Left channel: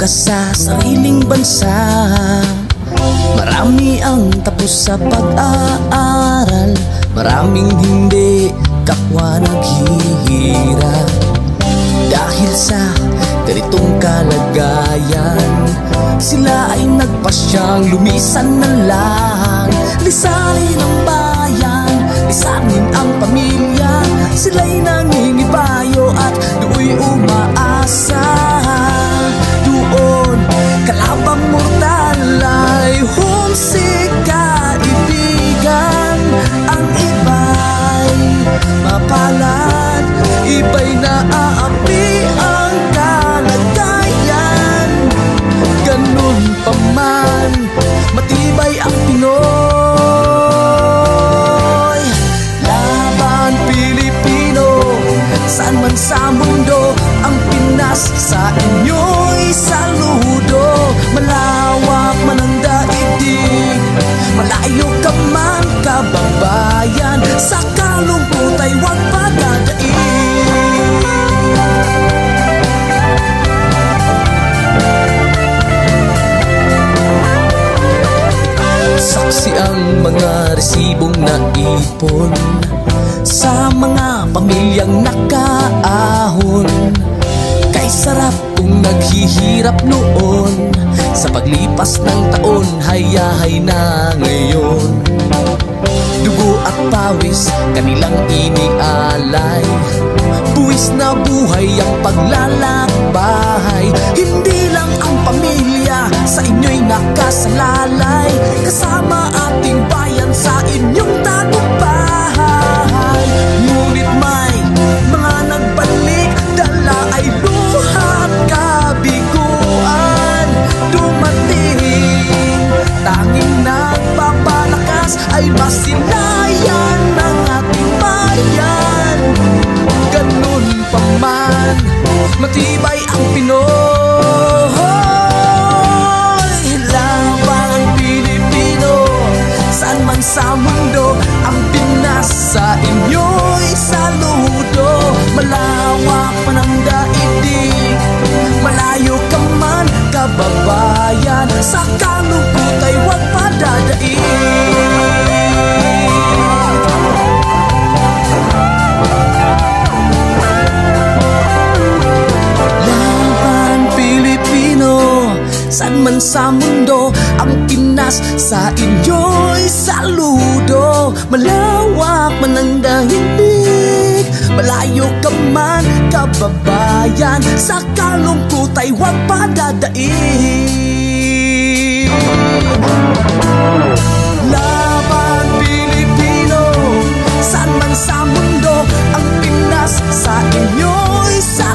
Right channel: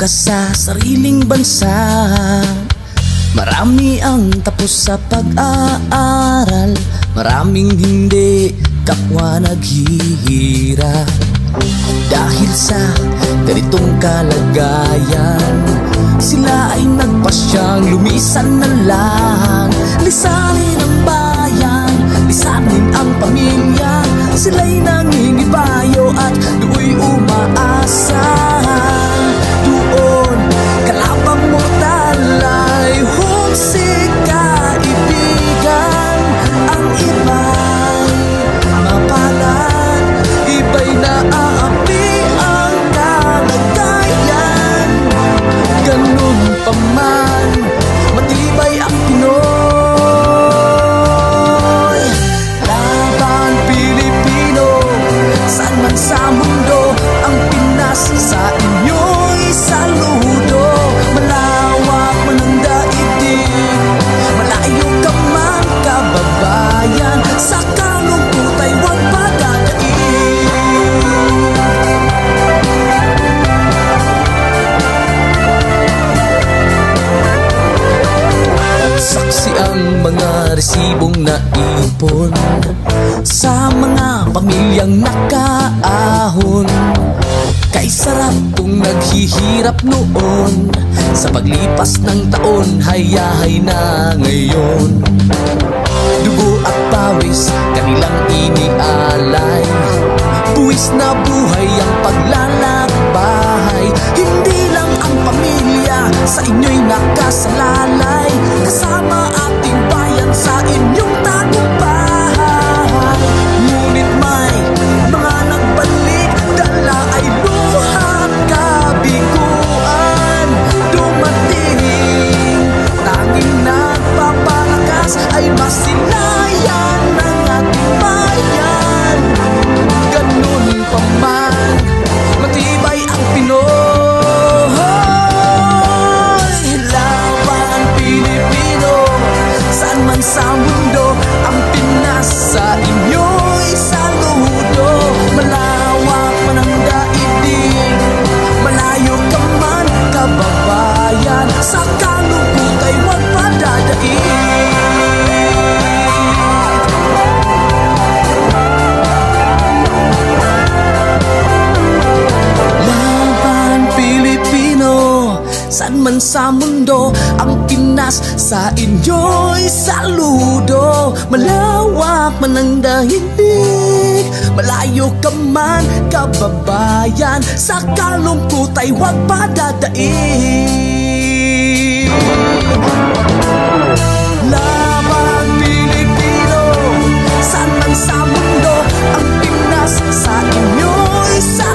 ka sa sariling bansa. Marami ang tapos sa pag-aaral, maraming hindi kapwa naghihirap. Dahil sa ganitong kalagayan, sila ay nagpasyang lumisan na lang. Lisanin ang bayan, lisanin ang pamilya. Sila'y nangingibayo at do'y umaasa. Doon kalabang mortal ay humsik kaibigan. Ang iba'y mapalad, iba'y naaapi ang kalagayan. Ganun pa man, matibay ang Pinoy. Laban Pilipino, saan man sa mundo, ang Pinas sa inyo'y saludo. Malawak man ang daigdig, malayo ka man kababayan, sa kalungkot ay huwag padadaig. Saksi ang mga resibong naipon sa mga pamilyang nakaahon. Kay sarap kung naghihirap noon, sa paglipas ng taon hayahay na ngayon. Dugo at pawis kanilang inialay, buwis na buhay ang paglalakbay. Hindi lang ang pamilya sa inyo'y nakasalalay, kasama ating bayan sa inyong tagumpay. Ngunit may mga nagbalik, dala ay luha at kabiguan. Dumating, tanging nagpapalakas ay masilayan ng ating bayan. Ganun pa man, matibay ang Pinoy. Laban Pilipino, saan man sa mundo, ang Pinas sa inyo'y saludo. Malawak man ang daigdig, malayo ka man kababayan, sa kalungkot ay huwag padadaig. Saan man sa mundo, ang Pinas sa inyo'y saludo. Malawak man ang daigdig, malayo ka man kababayan, sa kalungkot ay huwag padadaig. Laban Pilipino, saan man sa mundo, ang Pinas sa inyo'y saludo.